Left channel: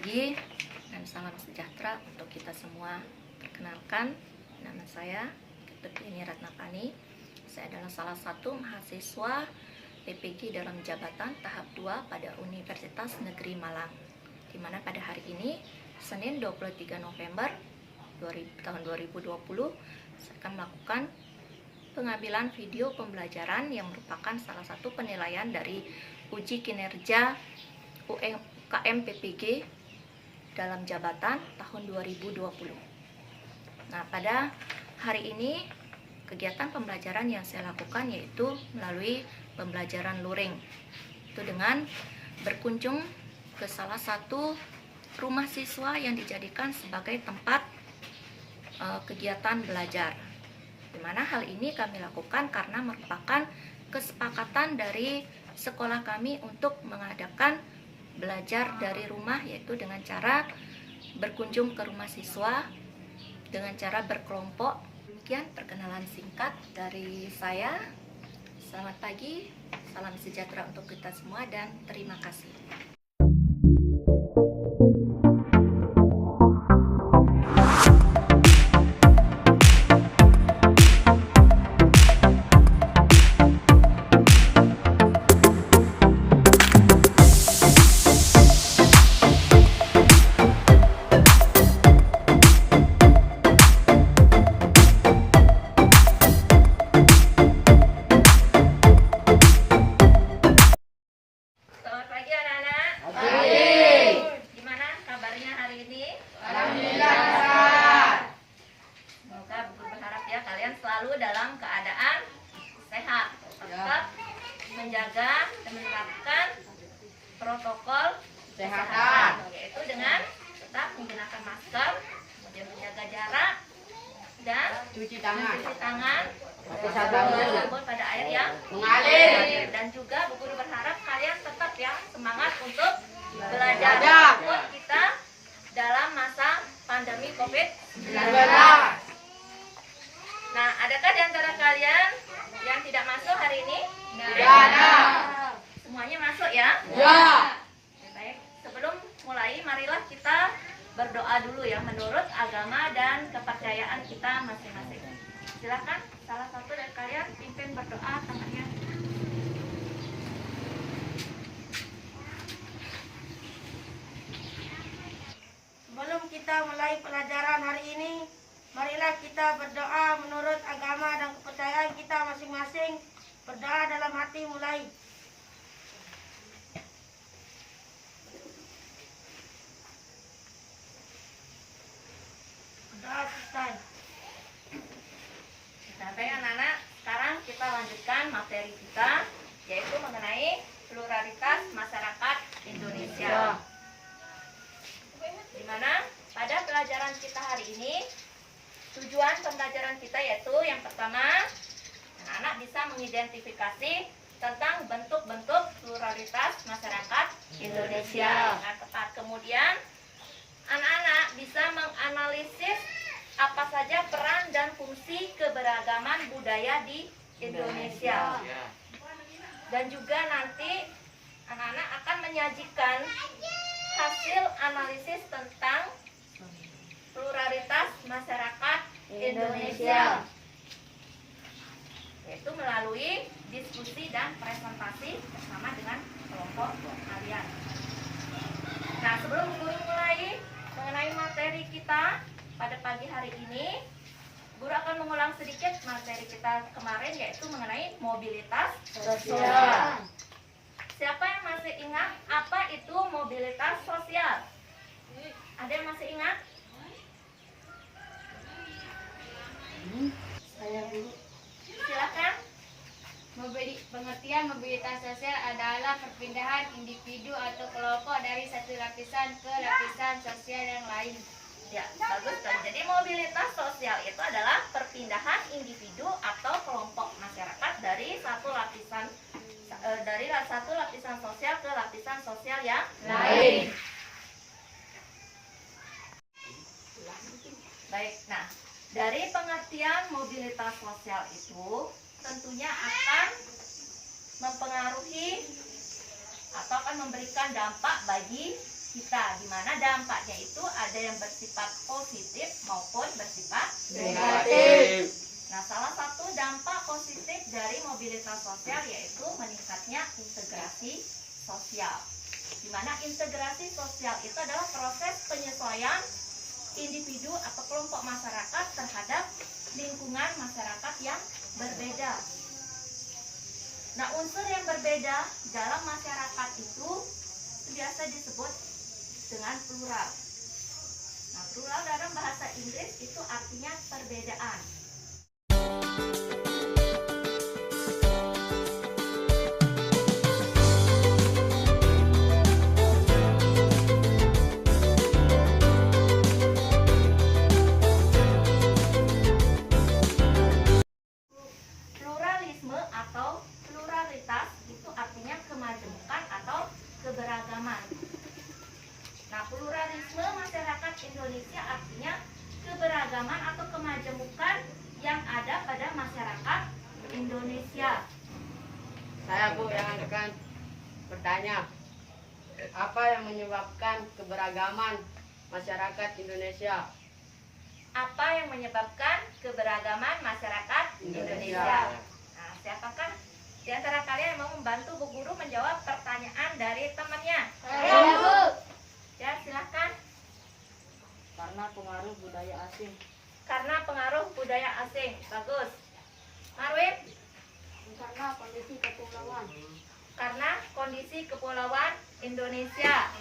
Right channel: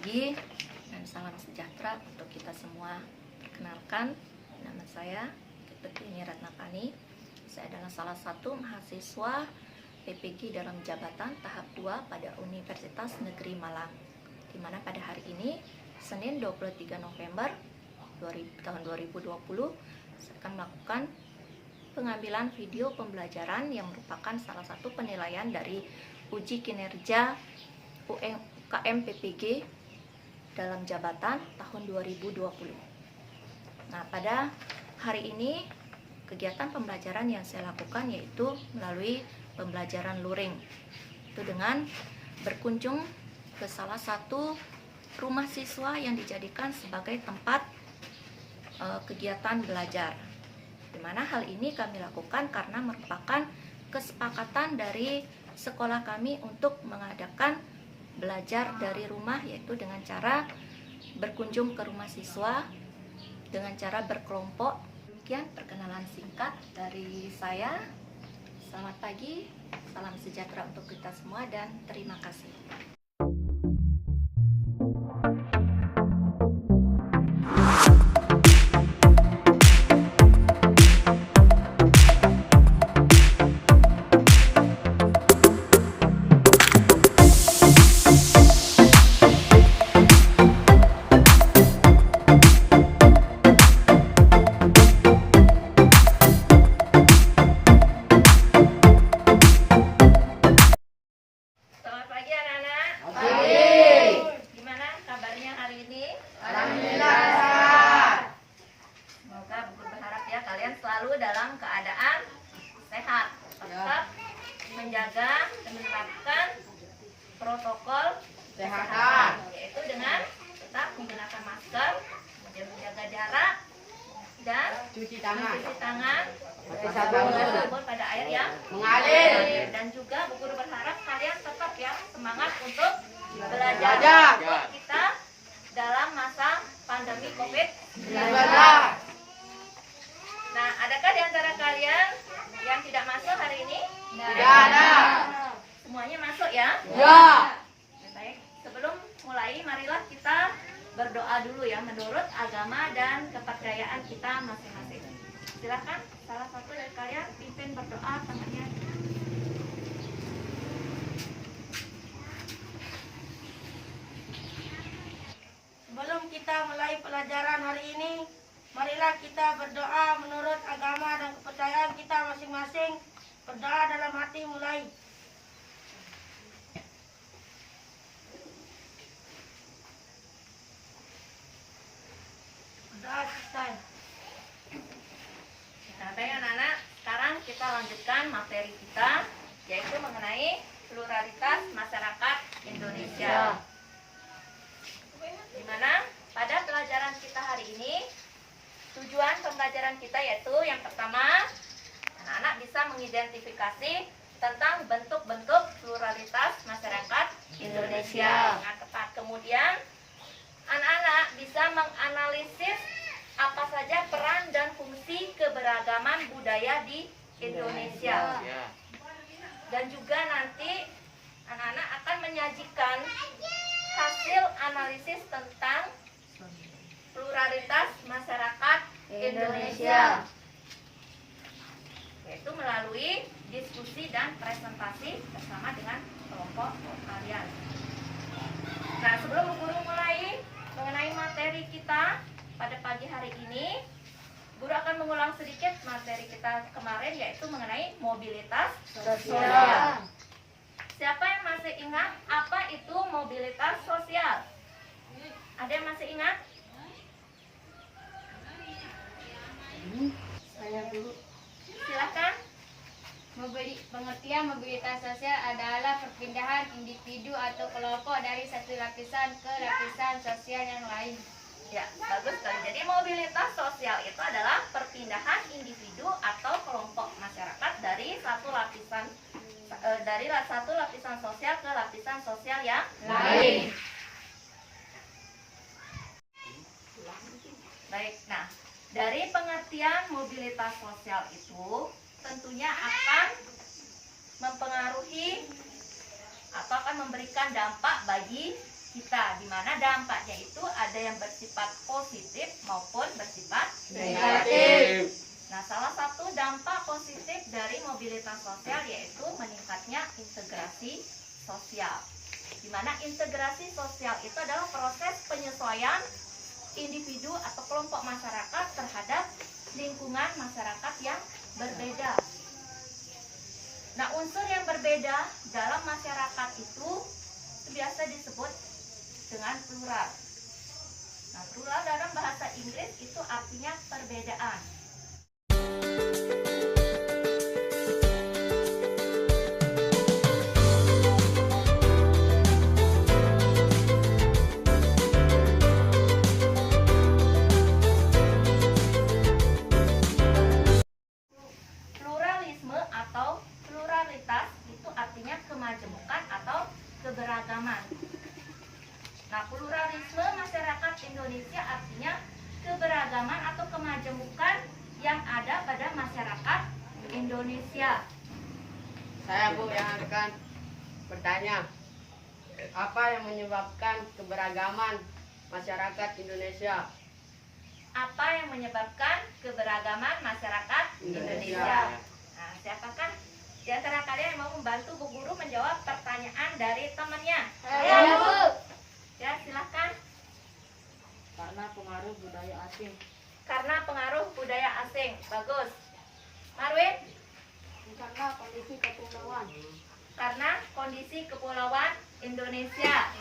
pagi dan salam sejahtera untuk kita semua. Perkenalkan, nama saya Ketutiani Ratnapani. Saya adalah salah satu mahasiswa PPG dalam jabatan tahap 2 pada Universitas Negeri Malang, di mana pada hari ini, Senin 23 November tahun 2020, saya akan melakukan pengambilan video pembelajaran yang merupakan salah satu penilaian dari uji kinerja UMKM PPG dalam jabatan tahun 2020. Nah, pada hari ini kegiatan pembelajaran yang saya lakukan yaitu melalui pembelajaran luring. Itu dengan berkunjung ke salah satu rumah siswa yang dijadikan sebagai tempat kegiatan belajar. Di mana hal ini kami lakukan karena merupakan kesepakatan dari sekolah kami untuk mengadakan belajar dari rumah, yaitu dengan cara berkunjung ke rumah siswa dengan cara berkelompok. Demikian perkenalan singkat dari saya. Selamat pagi, salam sejahtera untuk kita semua dan terima kasih. Kalian selalu dalam keadaan sehat, tetap menjaga dan menerapkan protokol kesehatan, yaitu dengan tetap menggunakan masker, kemudian menjaga jarak dan mencuci tangan dengan sabun pada air yang mengalir. Dan juga Bu Guru berharap kalian tetap ya semangat untuk belajar walaupun kita dalam masa pandemi COVID-19. Nah, adakah di antara kalian yang tidak masuk hari ini? Tidak ada. Semuanya masuk ya? Ya. Baik, sebelum mulai, marilah kita berdoa dulu ya, menurut agama dan kepercayaan kita masing-masing. Silakan salah satu dari kalian pimpin berdoa tangannya. Sebelum kita mulai pelajaran hari ini, marilah kita berdoa menurut agama dan kepercayaan kita masing-masing. Berdoa dalam hati mulai. Berdoa selesai. Nah, baik anak-anak, sekarang kita lanjutkan materi kita, yaitu mengenai pluralitas masyarakat Indonesia. Di mana pada pelajaran kita hari ini, tujuan pembelajaran kita yaitu yang pertama, anak-anak bisa mengidentifikasi tentang bentuk-bentuk pluralitas masyarakat Indonesia dengan tepat. Kemudian, anak-anak bisa menganalisis apa saja peran dan fungsi keberagaman budaya di Indonesia. Dan juga nanti anak-anak akan menyajikan hasil analisis tentang pluralitas masyarakat Indonesia, yaitu melalui diskusi dan presentasi bersama dengan kelompok kalian. Nah, sebelum guru mulai mengenai materi kita pada pagi hari ini, guru akan mengulang sedikit materi kita kemarin, yaitu mengenai mobilitas sosial. Siapa yang masih ingat apa itu mobilitas sosial? Ada yang masih ingat? Saya dulu. Silakan. Pengertian mobilitas sosial adalah perpindahan individu atau kelompok dari satu lapisan ke lapisan sosial yang lain. Ya, bagus sekali. Jadi mobilitas sosial itu adalah perpindahan individu atau kelompok masyarakat dari satu lapisan sosial ke lapisan sosial yang lain. Baik, nah dari pengertian mobilitas sosial itu tentunya akan mempengaruhi atau akan memberikan dampak bagi kita, di mana dampaknya itu ada yang bersifat positif maupun bersifat Negatif. Nah, salah satu dampak positif dari mobilitas sosial yaitu meningkatnya integrasi sosial. Di mana integrasi sosial itu adalah proses penyesuaian individu atau kelompok masyarakat terhadap lingkungan masyarakat yang berbeda. Nah, unsur yang berbeda dalam masyarakat itu biasa disebut dengan plural. Nah, plural dalam bahasa Inggris itu artinya perbedaan. Pluralisme atau pluralitas itu artinya kemajemukan atau keberagaman. Nah, pluralisme masyarakat Indonesia artinya keberagaman atau kemajemukan yang ada pada masyarakat Indonesia. Saya Bu yang akan bertanya, apa yang menyebabkan keberagaman masyarakat Indonesia? Apa yang menyebabkan keberagaman masyarakat Indonesia? Nah, siapakah di antara kalian yang mau membantu Bu Guru menjawab pertanyaan dari temannya? Saya, Bu. Ya, silahkan. Karena pengaruh budaya asing. Karena pengaruh budaya asing. Bagus. Marwin? Karena kondisi kepulauan. Karena kondisi kepulauan Indonesia.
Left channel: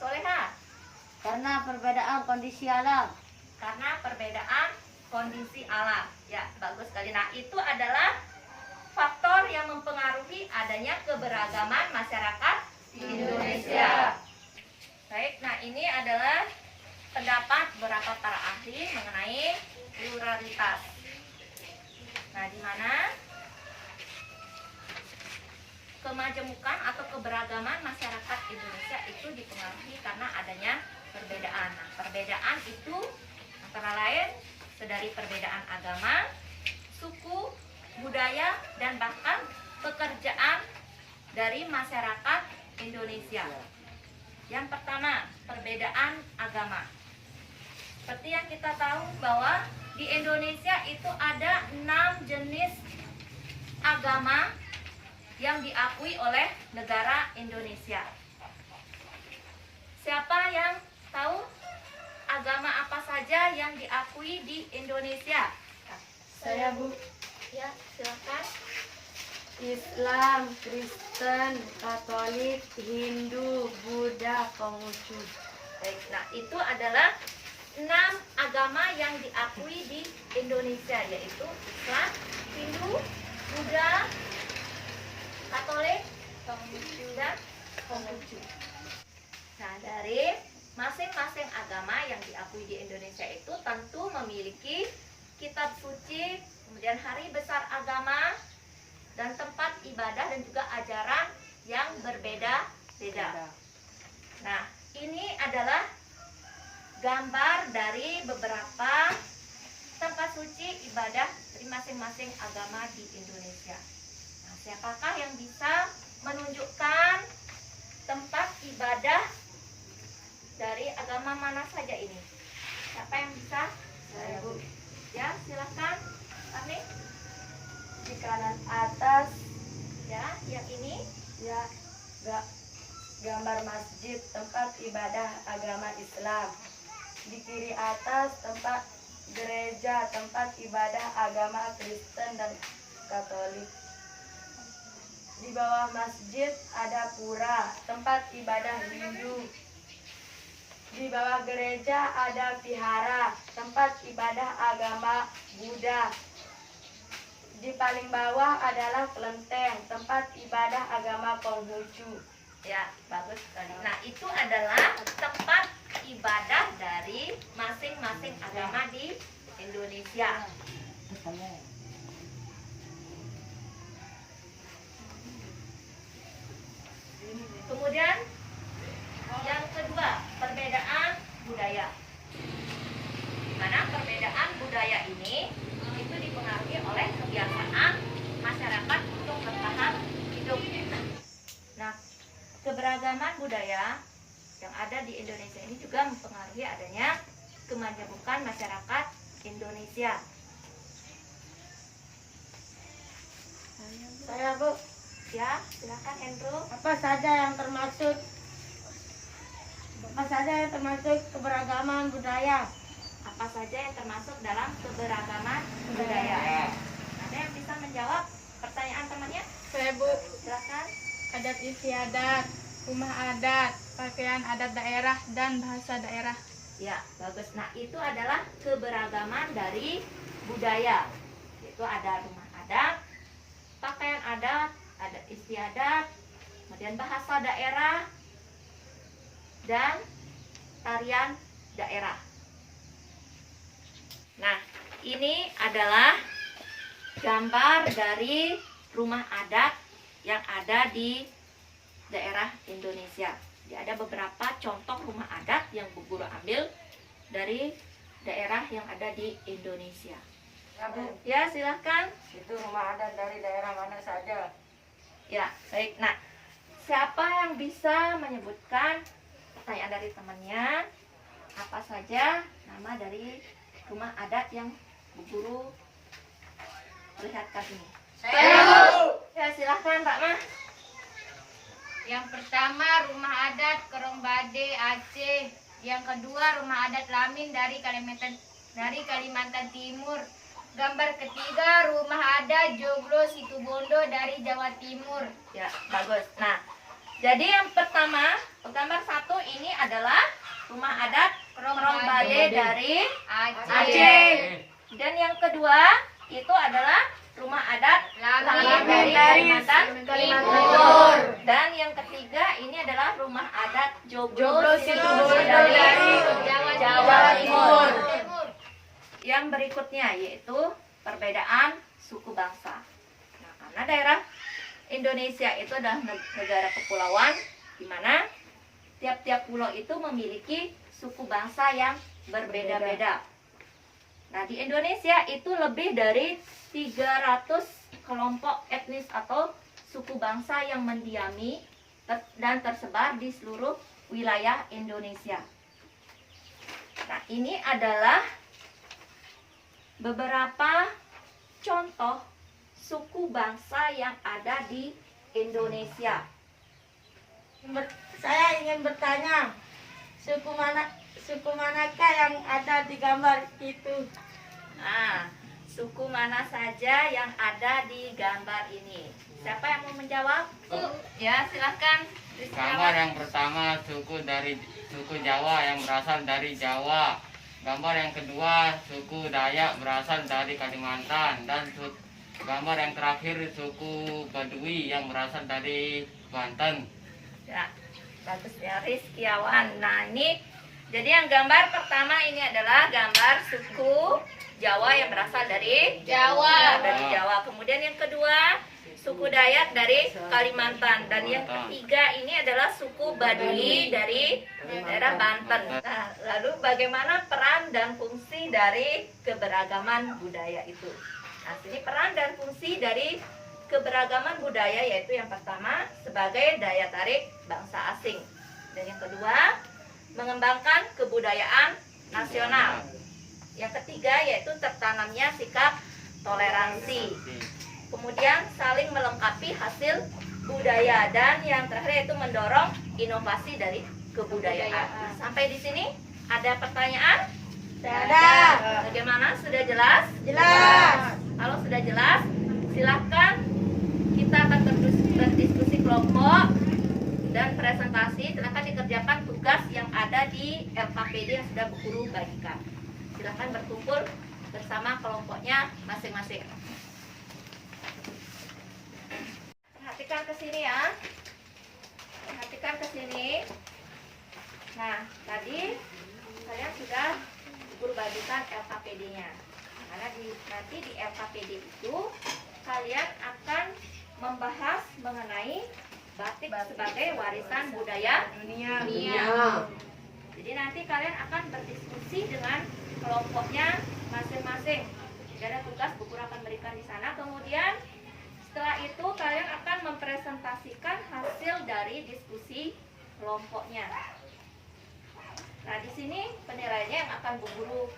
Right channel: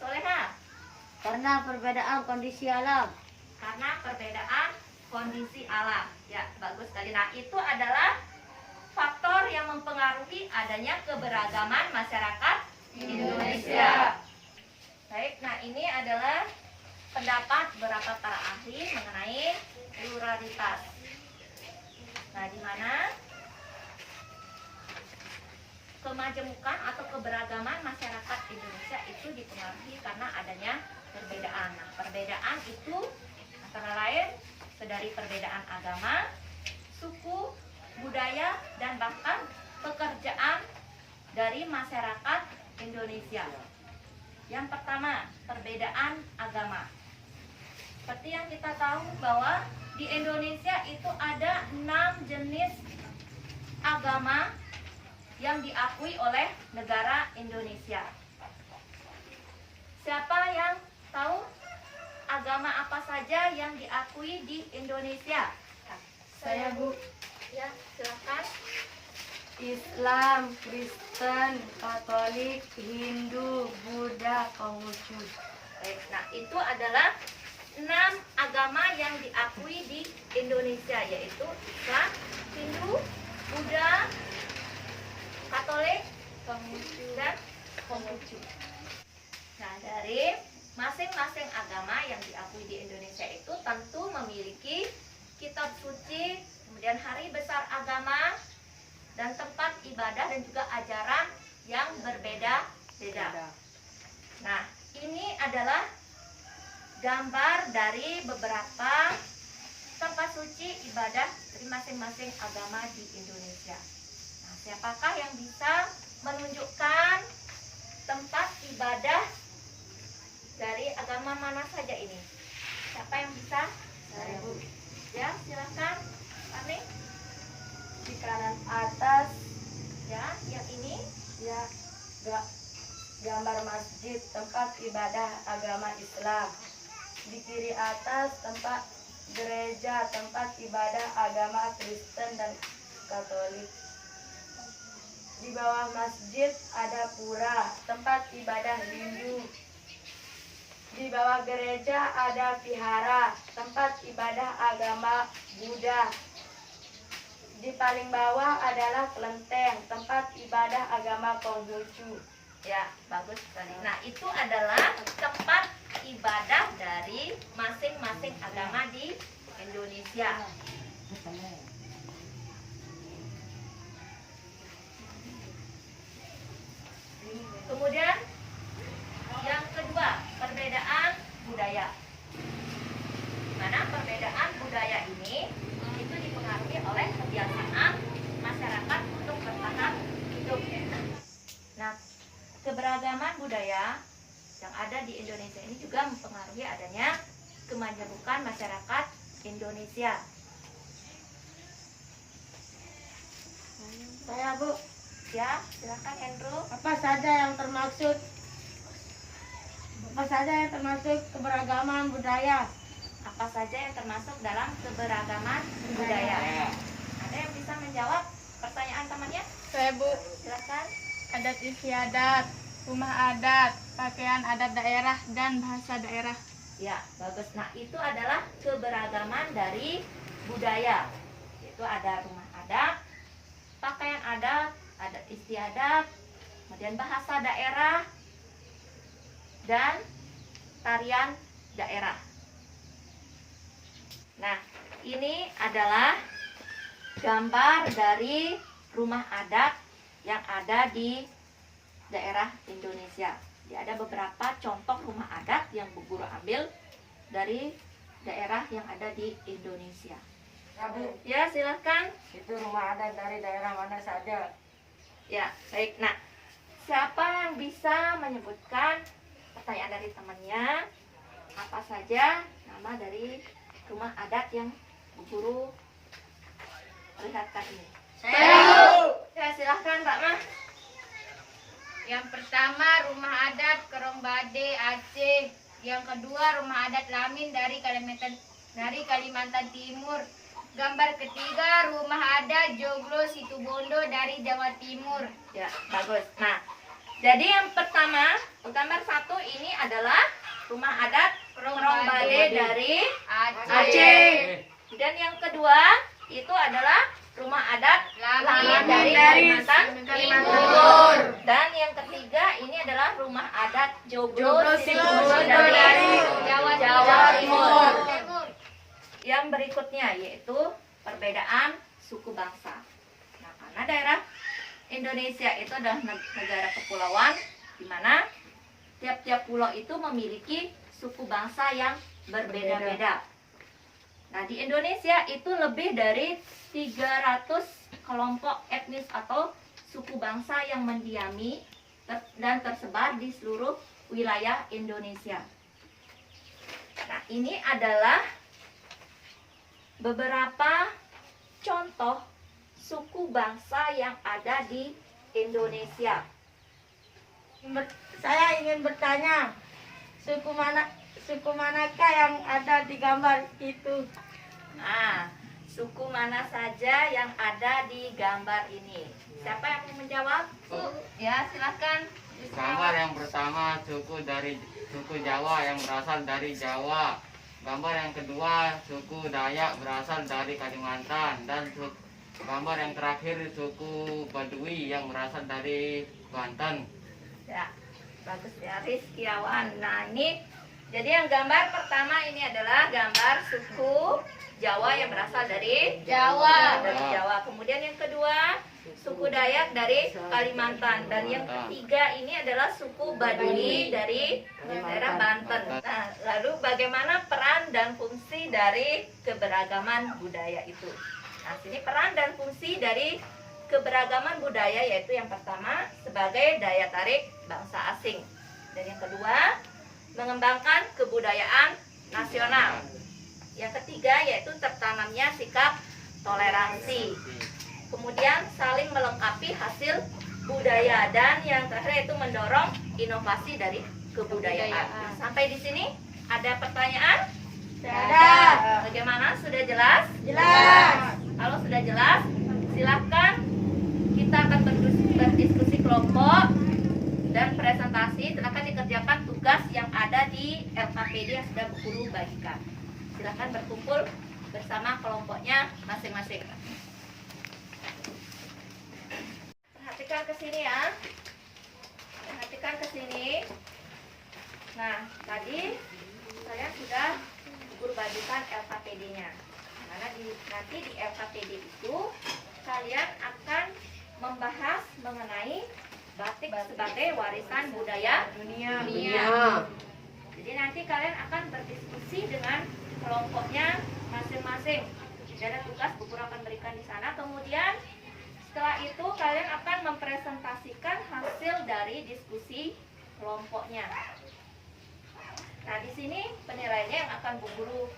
Soleha? Karena perbedaan kondisi alam. Karena perbedaan kondisi alam. Ya, bagus sekali. Nah, itu adalah faktor yang mempengaruhi adanya keberagaman masyarakat Indonesia. Baik, nah ini adalah pendapat beberapa para ahli mengenai pluralitas. Nah, di mana kemajemukan atau keberagaman masyarakat Indonesia itu dipengaruhi karena adanya perbedaan. Nah, perbedaan itu antara lain dari perbedaan agama, suku, budaya, dan bahkan pekerjaan dari masyarakat Indonesia. Yang pertama, perbedaan agama. Seperti yang kita tahu bahwa di Indonesia itu ada 6 jenis agama yang diakui oleh negara Indonesia. Siapa yang tahu agama apa saja yang diakui di Indonesia? Saya Bu. Ya, silakan. Islam, Kristen, Katolik, Hindu, Buddha, Konghucu. Baik, nah itu adalah 6 agama yang diakui di Indonesia, yaitu Islam, Hindu, Buddha, Katolik, dan Konghucu. Nah, dari masing-masing agama yang diakui di Indonesia itu tentu memiliki kitab suci, kemudian hari besar agama, dan tempat ibadah dan juga ajaran yang berbeda-beda. Nah, ini adalah gambar dari beberapa tempat suci ibadah dari masing-masing agama di Indonesia. Nah, siapakah yang bisa menunjukkan tempat ibadah dari agama mana saja ini? Siapa yang bisa? Saya Bu. Ya, silakan. Kami. Di kanan atas Ya, lihat ini. ya gambar masjid tempat ibadah agama Islam. Di kiri atas tempat gereja tempat ibadah agama Kristen dan Katolik. Di bawah masjid ada pura tempat ibadah Hindu. Di bawah gereja ada vihara tempat ibadah agama Buddha. Di paling bawah adalah kelenteng tempat ibadah agama Konghucu. Ya, bagus sekali. Nah, itu adalah tempat ibadah dari masing-masing agama di Indonesia. Kemudian yang kedua, perbedaan budaya. Karena perbedaan budaya ini itu dipengaruhi oleh kebiasaan masyarakat untuk bertahan hidup. Nah, keberagaman budaya yang ada di Indonesia ini juga mempengaruhi adanya kemajemukan masyarakat Indonesia. Saya Bu, Ya, silakan Andrew. apa saja yang termasuk keberagaman budaya? Apa saja yang termasuk dalam keberagaman budaya? Ada yang bisa menjawab pertanyaan temannya? Saya Bu, Silakan. adat istiadat, rumah adat, pakaian adat daerah, dan bahasa daerah. Ya, bagus. Nah, itu adalah keberagaman dari budaya. Itu ada rumah adat, pakaian adat, adat istiadat, kemudian bahasa daerah, dan tarian daerah. Nah, ini adalah gambar dari rumah adat yang ada di daerah Indonesia. Jadi ada beberapa contoh rumah adat yang Bu Guru ambil dari daerah yang ada di Indonesia. Ya Bu, Ya, silahkan. itu rumah adat dari daerah mana saja? Ya, baik. Nah, siapa yang bisa menyebutkan pertanyaan dari temannya? Apa saja nama dari rumah adat yang Bu Guru perlihatkan ini? Ya, silahkan Pak Mah. Yang pertama rumah adat Kerongbade Aceh. Yang kedua rumah adat Lamin dari Kalimantan Timur. Gambar ketiga rumah adat Joglo Situbondo dari Jawa Timur. Ya, bagus. Nah, jadi yang pertama, gambar satu ini adalah rumah adat Kerongbade dari Aceh. Dan yang kedua itu adalah rumah adat Lamin dari Kalimantan Timur. Dan yang ketiga ini adalah rumah adat Joglo Situbondo dari Jawa Timur. Yang berikutnya yaitu perbedaan suku bangsa. Nah, karena daerah Indonesia itu adalah negara kepulauan di mana tiap-tiap pulau itu memiliki suku bangsa yang berbeda-beda. Nah, di Indonesia itu lebih dari 300 kelompok etnis atau suku bangsa yang mendiami dan tersebar di seluruh wilayah Indonesia. Nah, ini adalah beberapa contoh suku bangsa yang ada di Indonesia. Saya ingin bertanya, suku manakah yang ada di gambar itu? Nah, suku mana saja yang ada di gambar ini? Siapa yang mau menjawab? Ya, silahkan. Gambar yang pertama suku Jawa yang berasal dari Jawa. Gambar yang kedua suku Dayak berasal dari Kalimantan, dan gambar yang terakhir suku Badui yang berasal dari Banten. Ya, bagus ya, Rizkiawan. Nah, ini jadi yang gambar pertama ini adalah gambar suku Jawa yang berasal dari Jawa. Dari Jawa. Kemudian yang kedua suku Dayak dari Kalimantan, dan yang ketiga ini adalah suku Baduy dari daerah Banten. Nah, lalu bagaimana peran dan fungsi dari keberagaman budaya itu? Nah, sini peran dan fungsi dari keberagaman budaya yaitu yang pertama sebagai daya tarik bangsa asing, dan yang kedua mengembangkan kebudayaan nasional. Yang ketiga yaitu tertanamnya sikap toleransi. Kemudian saling melengkapi hasil budaya, dan yang terakhir yaitu mendorong inovasi dari kebudayaan. Nah, sampai di sini ada pertanyaan? Ada. Bagaimana? Sudah jelas? Jelas. Kalau sudah jelas, silahkan kita akan berdiskusi kelompok dan presentasi. Silahkan dikerjakan tugas yang ada di LKPD yang sudah Bu Guru bagikan. Silahkan berkumpul bersama kelompoknya masing-masing. Perhatikan ke sini ya. Perhatikan ke sini. Nah, tadi kalian sudah Bu Guru bagikan LKPD-nya. Karena nanti di LKPD itu kalian akan membahas mengenai batik sebagai warisan budaya dunia. Jadi nanti kalian akan berdiskusi dengan kelompoknya masing-masing. Jadi ada tugas Bu Guru akan berikan di sana. Kemudian setelah itu kalian akan mempresentasikan hasil dari diskusi kelompoknya. Nah, di sini penilaiannya yang akan Bu Guru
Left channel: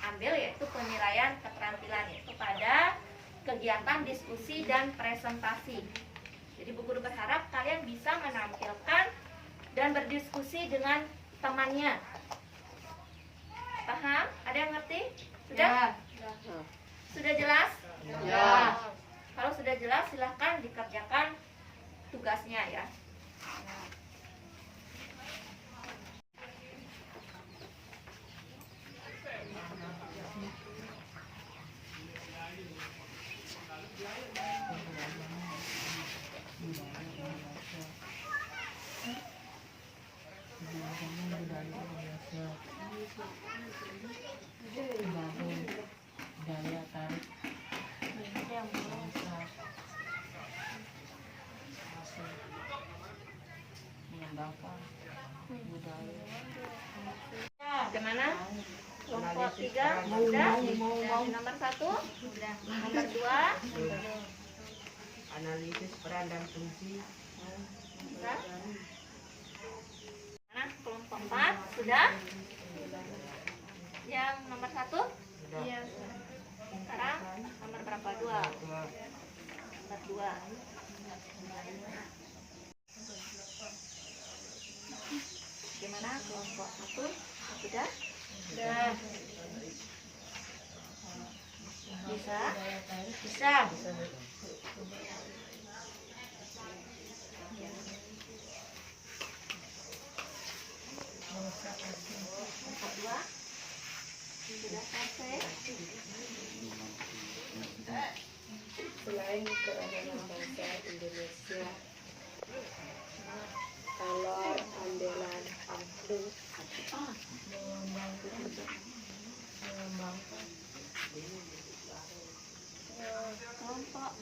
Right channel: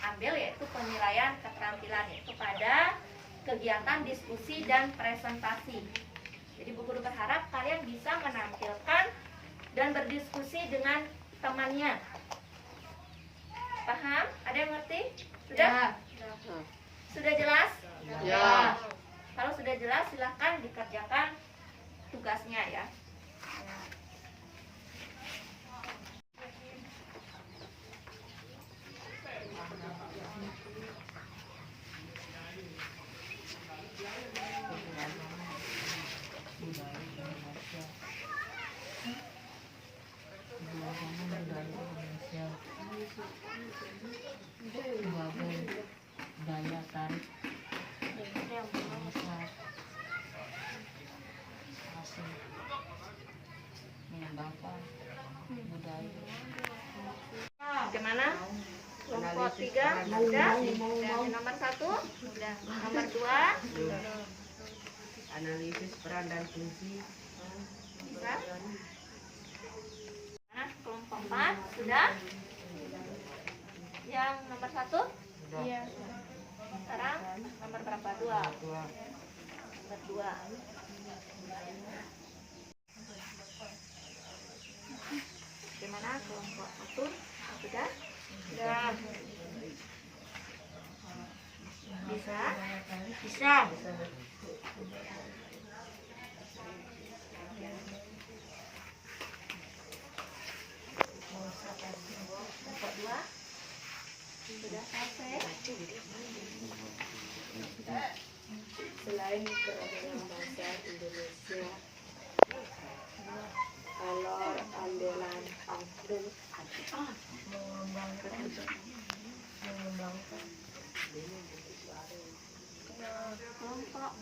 ambil yaitu penilaian keterampilan, yaitu pada kegiatan diskusi dan presentasi. Jadi Bu Guru berharap kalian bisa menampilkan dan berdiskusi dengan temannya. Paham? Ada yang ngerti? Sudah? Sudah jelas? Ya. Kalau sudah jelas silahkan dikerjakan tugasnya ya. Daya tarik mengembangkan budaya. Bagaimana? Kelompok 3 sudah? Nomor 1? Sudah. Nomor 2? Analisis peran dan fungsi. Sudah. Nah, kelompok 4 sudah? Yang nomor 1? Iya. Sekarang nomor berapa? 2. Nomor 2. Gimana kelompok 1? Sudah? Sudah. Bisa? Bisa. Kelompok 2? Sudah selesai? Selain keragaman bangsa Indonesia, kalau andalan aku mengembangkan Kelompok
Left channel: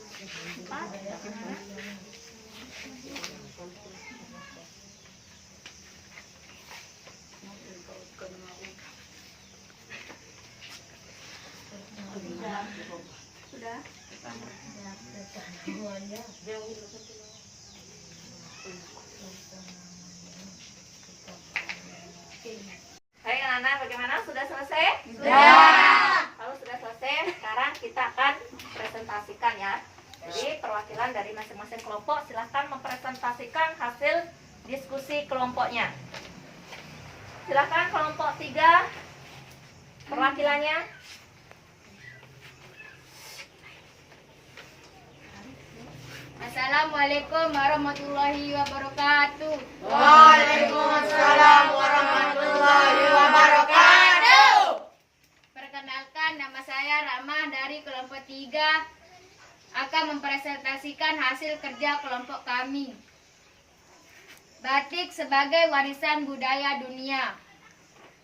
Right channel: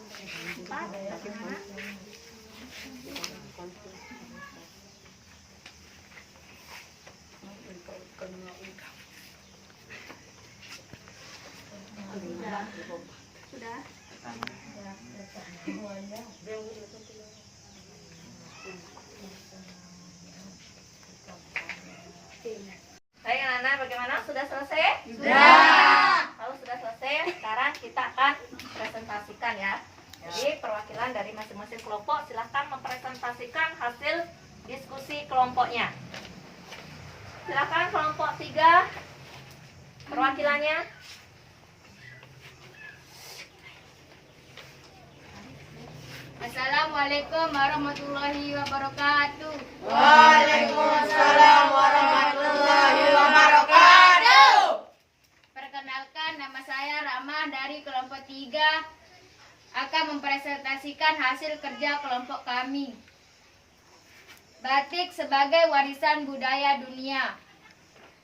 4 bagaimana? Sudah? Baik anak-anak, bagaimana? Sudah selesai? Sudah. Kalau sudah selesai, sekarang kita akan presentasikan ya. Jadi perwakilan dari masing-masing kelompok silahkan mempresentasikan hasil diskusi kelompoknya. Silahkan kelompok 3 perwakilannya. Assalamualaikum warahmatullahi wabarakatuh. Waalaikumsalam warahmatullahi wabarakatuh. Perkenalkan, nama saya Rahmah dari kelompok 3 akan mempresentasikan hasil kerja kelompok kami. Batik sebagai warisan budaya dunia.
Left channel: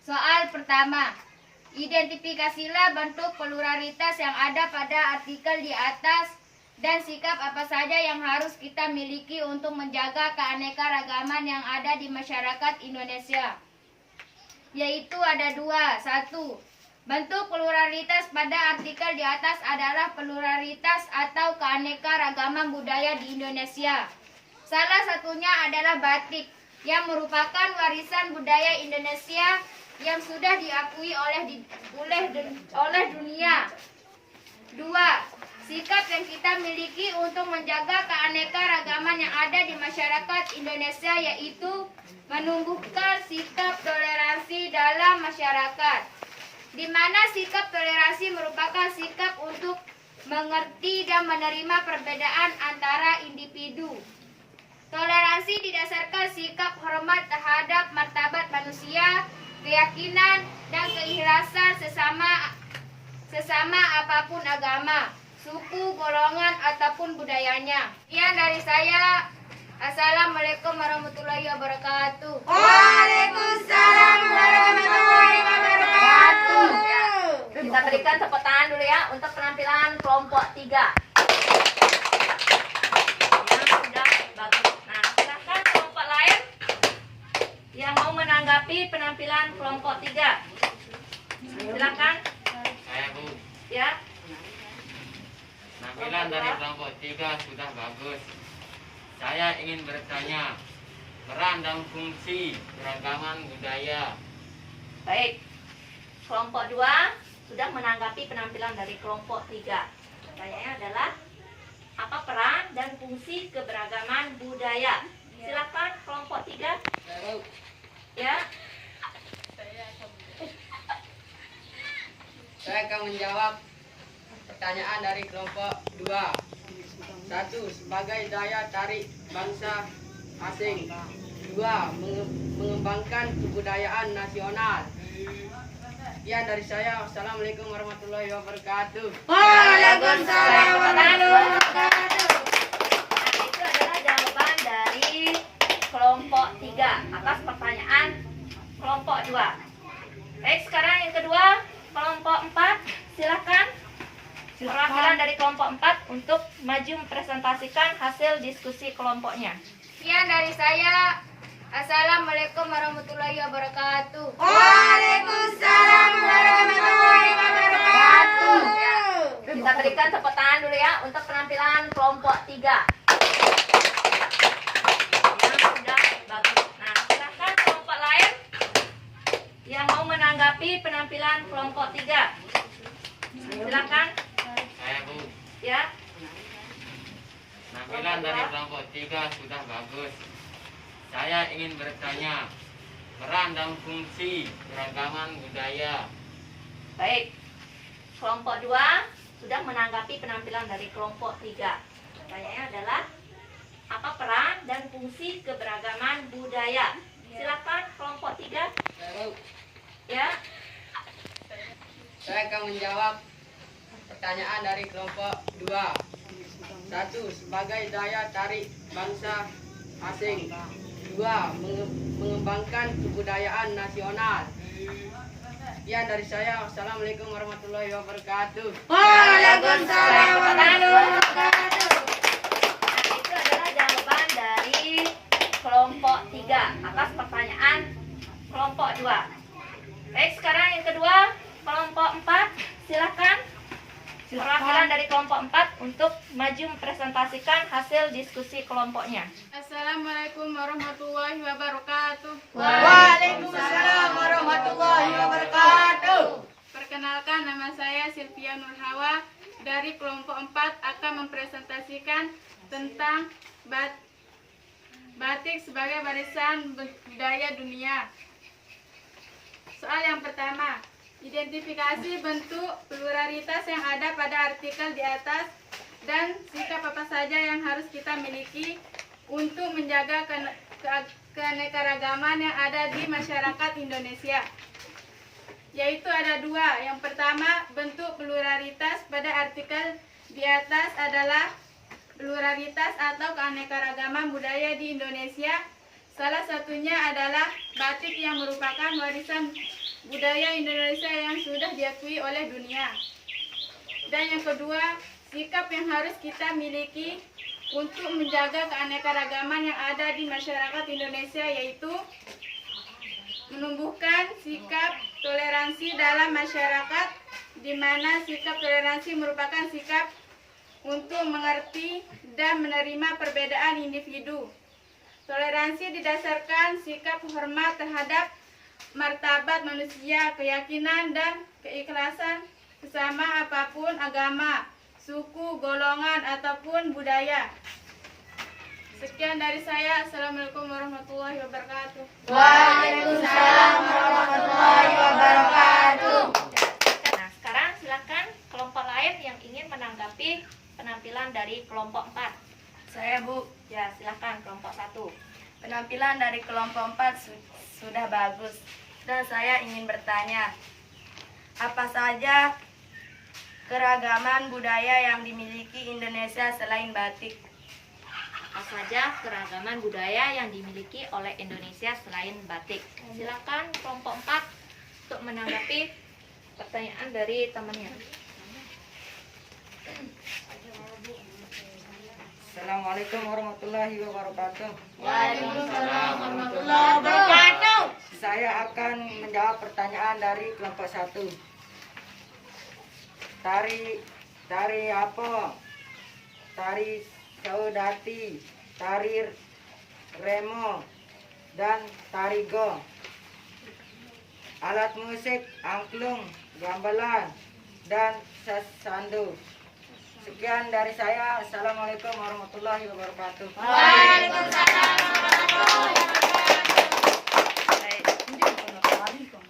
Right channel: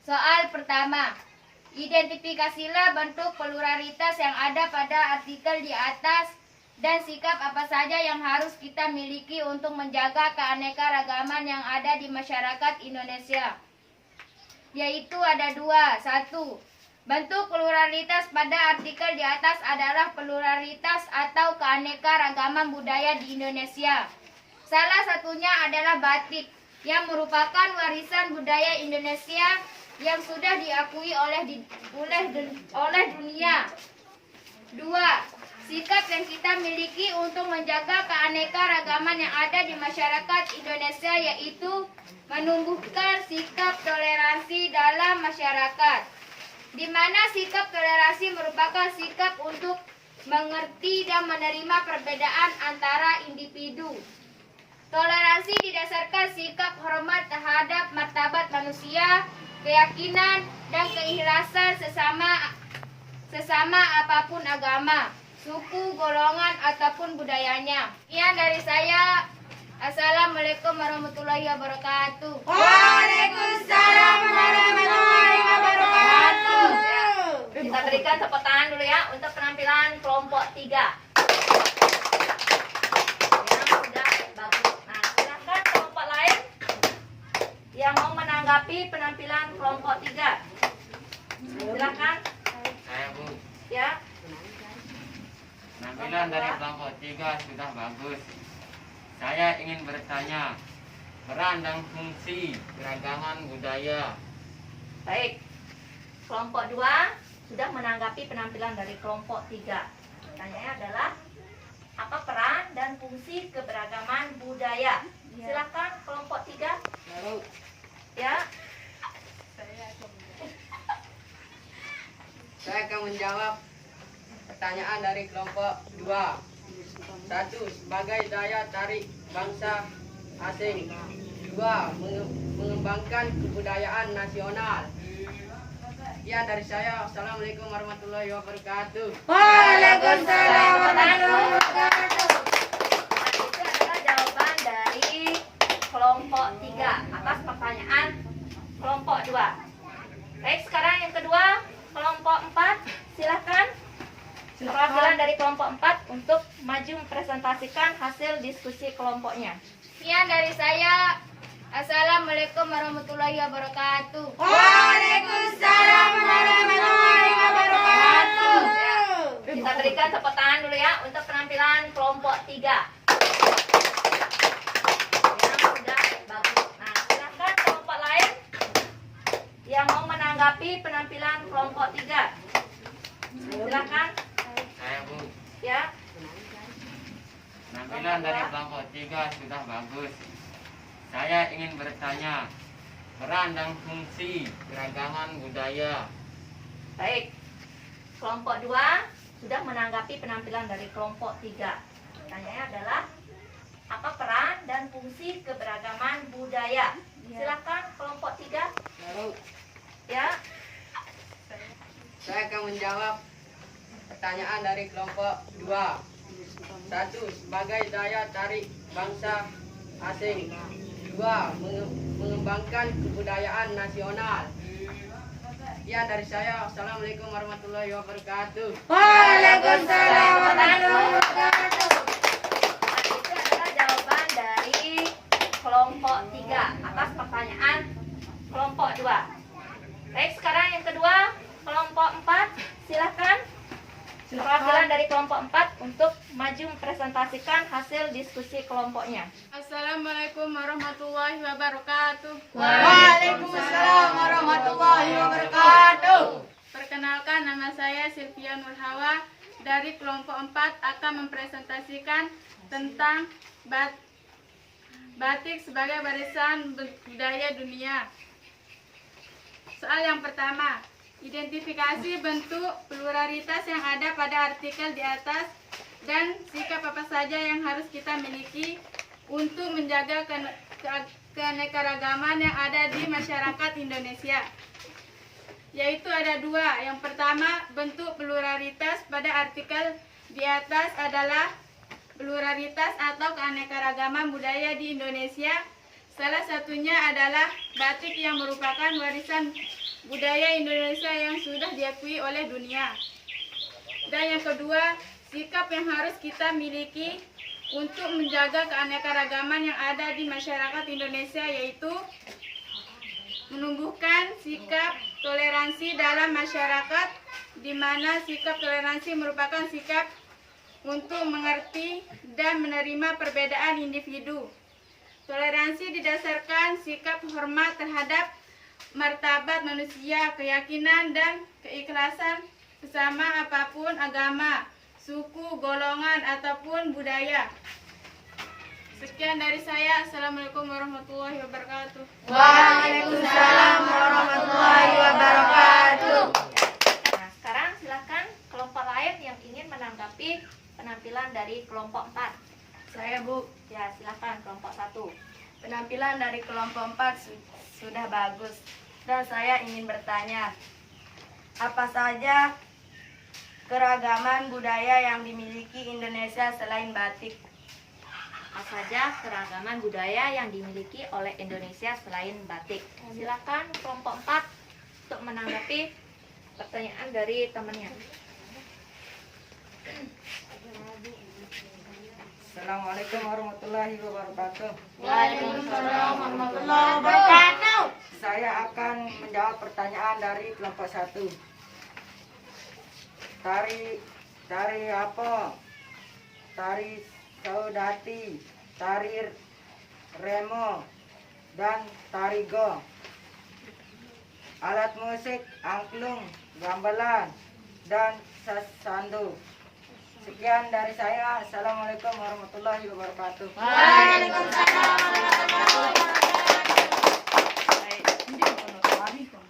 Soal pertama, identifikasilah bentuk pluralitas yang ada pada artikel di atas dan sikap apa saja yang harus kita miliki untuk menjaga keanekaragaman yang ada di masyarakat Indonesia. Yaitu ada 2. 1. Bentuk pluralitas pada artikel di atas adalah pluralitas atau keanekaragaman budaya di Indonesia. Salah satunya adalah batik, yang merupakan warisan budaya Indonesia yang sudah diakui oleh dunia. 2. Sikap yang kita miliki untuk menjaga keanekaragaman yang ada di masyarakat Indonesia yaitu menumbuhkan sikap toleransi dalam masyarakat, di mana sikap toleransi merupakan sikap untuk mengerti dan menerima perbedaan antara individu. Toleransi didasarkan sikap hormat terhadap martabat manusia, keyakinan, dan keikhlasan sesama apapun agama, suku, golongan, ataupun budayanya. Sekian dari saya. Assalamualaikum warahmatullahi wabarakatuh. Waalaikumsalam warahmatullahi wabarakatuh. Kita berikan tepuk tangan dulu ya untuk penampilan kelompok 3. Ya, sudah bagus. Nah, silahkan kelompok lain yang mau menanggapi penampilan kelompok 3. Silakan. Saya Bu, Ya. penampilan dari kelompok 3 sudah bagus. Saya ingin bertanya, peran dan fungsi keragaman budaya Baik. Kelompok 2 sudah menanggapi penampilan dari kelompok 3. Pertanyaannya adalah apa peran dan fungsi keberagaman budaya? Silakan kelompok 3. Ya. Saya akan menjawab pertanyaan dari kelompok 2. 1. Sebagai daya tarik bangsa asing. 2. Mengembangkan kebudayaan nasional. Ya, dari saya. Assalamualaikum warahmatullahi wabarakatuh. Waalaikumsalam warahmatullahi wabarakatuh. Nah, itu adalah jawaban dari kelompok 3 atas pertanyaan kelompok 2. Baik, sekarang yang kedua, kelompok 4. Silakan perwakilan dari kelompok 4 untuk maju mempresentasikan hasil diskusi kelompoknya. Sekian dari saya. Assalamualaikum warahmatullahi wabarakatuh. Waalaikumsalam warahmatullahi wabarakatuh. Kita berikan tepuk tangan dulu ya untuk penampilan kelompok 3. Yang sudah bagus. Nah, silakan kelompok lain yang mau menanggapi penampilan kelompok 3. Silakan. Saya Bu, Ya. penampilan dari kelompok 3 sudah bagus. Saya ingin bertanya, peran dan fungsi keragaman budaya. Baik. Kelompok 2 sudah menanggapi penampilan dari kelompok 3. Pertanyaannya adalah apa peran dan fungsi keberagaman budaya? Silakan kelompok 3. Ya. Saya akan menjawab pertanyaan dari kelompok 2. 1. Sebagai daya tarik bangsa asing. 2. Mengembangkan kebudayaan nasional. Ya, dari saya. Assalamualaikum warahmatullahi wabarakatuh. Waalaikumsalam warahmatullahi wabarakatuh. Nah, itu adalah jawaban dari kelompok 3 atas pertanyaan kelompok 2. Baik, sekarang yang kedua, kelompok 4. Silakan perwakilan dari kelompok 4 untuk maju mempresentasikan hasil diskusi kelompoknya. Assalamualaikum warahmatullahi wabarakatuh. Waalaikumsalam warahmatullahi wabarakatuh. Perkenalkan, nama saya Sylvia Nurhawa dari kelompok 4 akan mempresentasikan tentang batik sebagai warisan budaya dunia. Soal yang pertama, identifikasi bentuk pluralitas yang ada pada artikel di atas dan sikap apa saja yang harus kita miliki untuk menjaga keanekaragaman yang ada di masyarakat Indonesia. Yaitu ada 2. Yang pertama, bentuk pluralitas pada artikel di atas adalah pluralitas atau keanekaragaman budaya di Indonesia. Salah satunya adalah batik yang merupakan warisan budaya Indonesia yang sudah diakui oleh dunia. Dan yang kedua, sikap yang harus kita miliki untuk menjaga keanekaragaman yang ada di masyarakat Indonesia, yaitu menumbuhkan sikap toleransi dalam masyarakat, di mana sikap toleransi merupakan sikap untuk mengerti dan menerima perbedaan individu. Toleransi didasarkan sikap hormat terhadap martabat manusia, keyakinan dan keikhlasan sesama apapun agama, suku, golongan, ataupun budaya. Sekian dari saya. Assalamualaikum warahmatullahi wabarakatuh. Waalaikumsalam warahmatullahi wabarakatuh. Nah, sekarang silakan kelompok lain yang ingin menanggapi penampilan dari kelompok 4. Saya Bu, Ya, silakan kelompok 1. penampilan dari kelompok 4 sudah bagus. Dan saya ingin bertanya, apa saja keragaman budaya yang dimiliki Indonesia selain batik? Apa saja keragaman budaya yang dimiliki oleh Indonesia selain batik? Silakan kelompok 4 untuk menanggapi pertanyaan dari temannya. Assalamualaikum warahmatullahi wabarakatuh. Waalaikumsalam warahmatullahi wabarakatuh. Saya akan menjawab pertanyaan dari kelompok 1. Tari apa? Tari saudati, tari remo, dan tari go. alat musik, angklung, gamelan, dan sasando. Sekian dari saya. Assalamualaikum warahmatullahi wabarakatuh.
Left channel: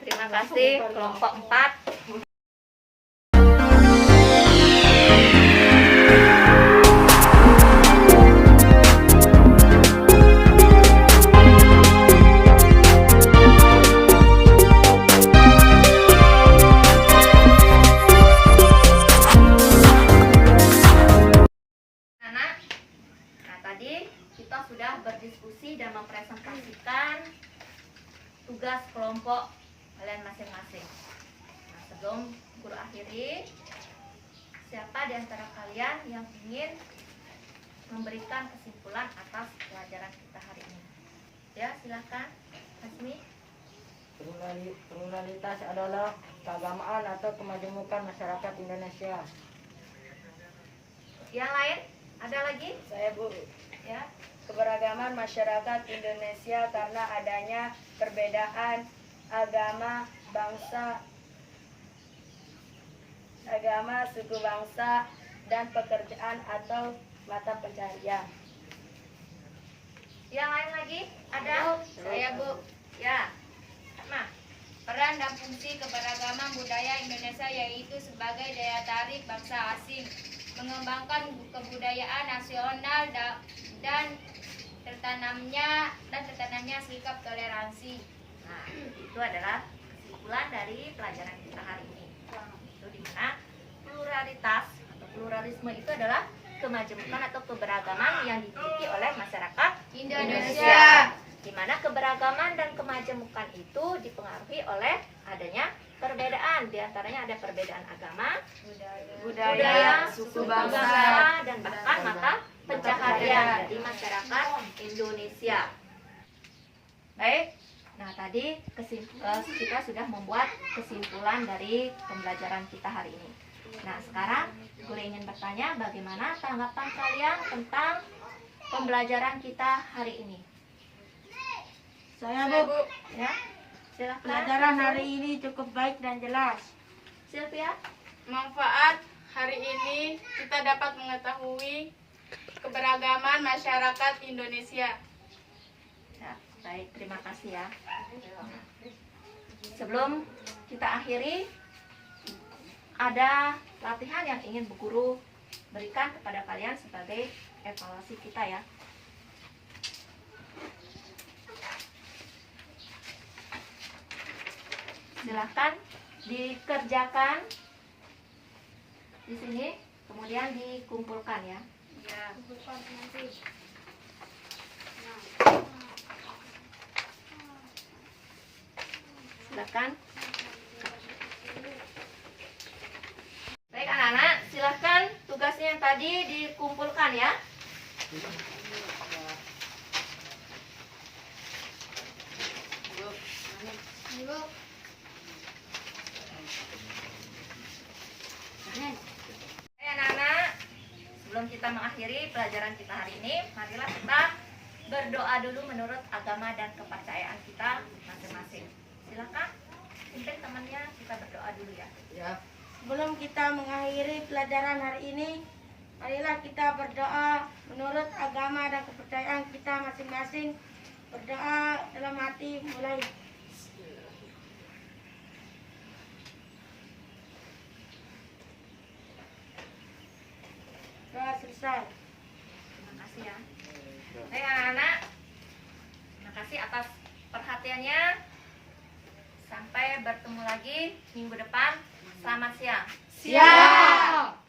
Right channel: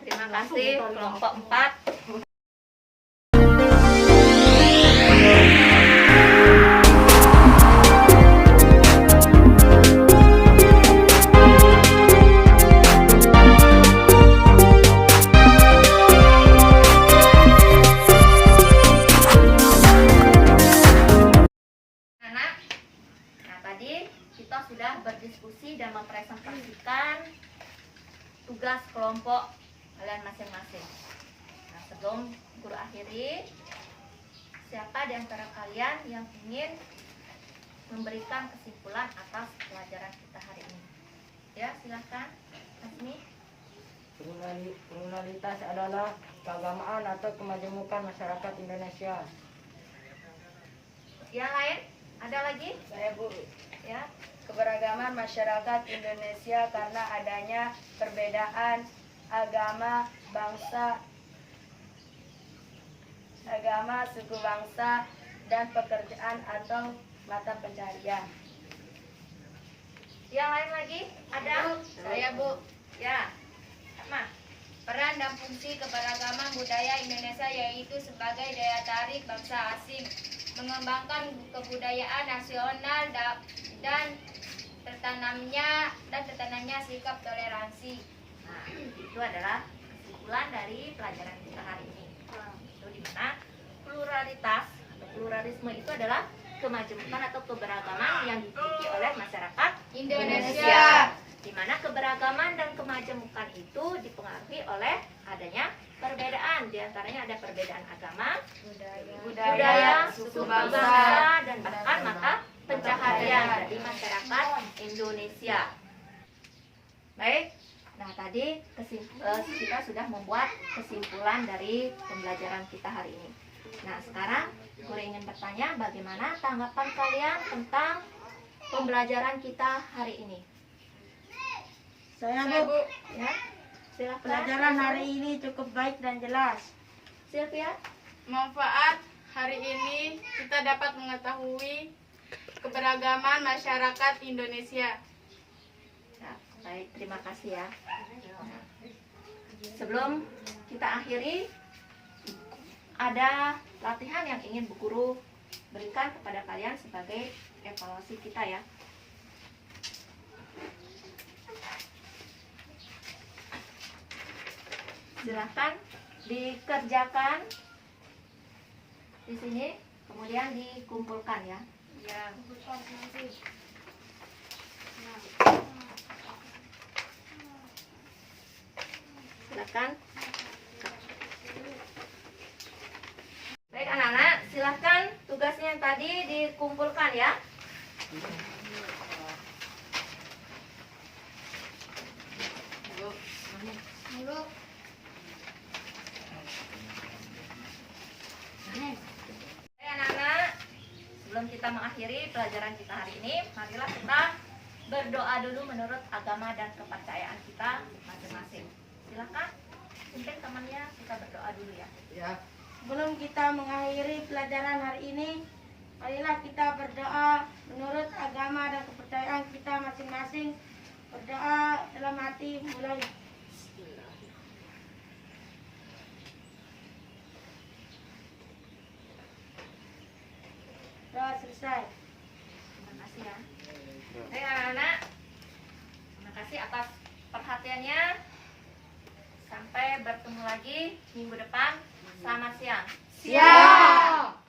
Terima kasih kelompok 4. Anak, nah tadi kita sudah berdiskusi dan mempresentasikan tugas kelompok kalian masing-masing. Nah, sebelum guru akhiri, siapa di antara kalian yang ingin memberikan kesimpulan atas pelajaran kita hari ini? Ya, silakan. Hasmi. Pluralitas adalah keagamaan atau kemajemukan masyarakat Indonesia. Yang lain? Ada lagi? Saya Bu. Ya. Keberagaman masyarakat Indonesia karena adanya perbedaan agama, suku bangsa, dan pekerjaan atau mata pencaharian. Yang lain lagi? Ada? Saya Bu. Ya. Ma. Peran dan fungsi keberagaman budaya Indonesia yaitu sebagai daya tarik bangsa asing, mengembangkan kebudayaan nasional dan tertanamnya sikap toleransi. Nah, itu adalah kesimpulan dari pelajaran kita hari ini. Itu di mana pluralitas atau pluralisme itu adalah kemajemukan atau keberagaman yang dimiliki oleh masyarakat Indonesia. Di mana keberagaman dan kemajemukan itu dipengaruhi oleh adanya perbedaan. Di antaranya ada perbedaan agama, budaya, suku bangsa, dan bahkan mata pencaharian dari masyarakat Indonesia. Baik, nah tadi kita sudah membuat kesimpulan dari pembelajaran kita hari ini. Nah sekarang gue ingin bertanya bagaimana tanggapan kalian tentang pembelajaran kita hari ini? Saya Bu. Ya, silakan. Pelajaran hari ini cukup baik dan jelas. Sylvia. Manfaat hari ini kita dapat mengetahui keberagaman masyarakat Indonesia. Ya, baik, terima kasih ya. Sebelum kita akhiri, ada latihan yang ingin Bu Guru berikan kepada kalian sebagai evaluasi kita ya. Silahkan dikerjakan di sini, kemudian dikumpulkan ya. Silakan. Baik anak-anak, silakan tugasnya yang tadi dikumpulkan ya. Baik anak-anak, sebelum kita mengakhiri pelajaran kita hari ini, marilah kita berdoa dulu menurut agama dan kepercayaan kita masing-masing. Silakan, pimpin temannya, kita berdoa dulu ya. Sebelum kita mengakhiri pelajaran hari ini, marilah kita berdoa menurut agama dan kepercayaan kita masing-masing. Berdoa dalam hati mulai. Doa selesai. Terima kasih ya. Baik anak-anak, terima kasih atas perhatiannya. Sampai bertemu lagi minggu depan. Selamat siang. Siap.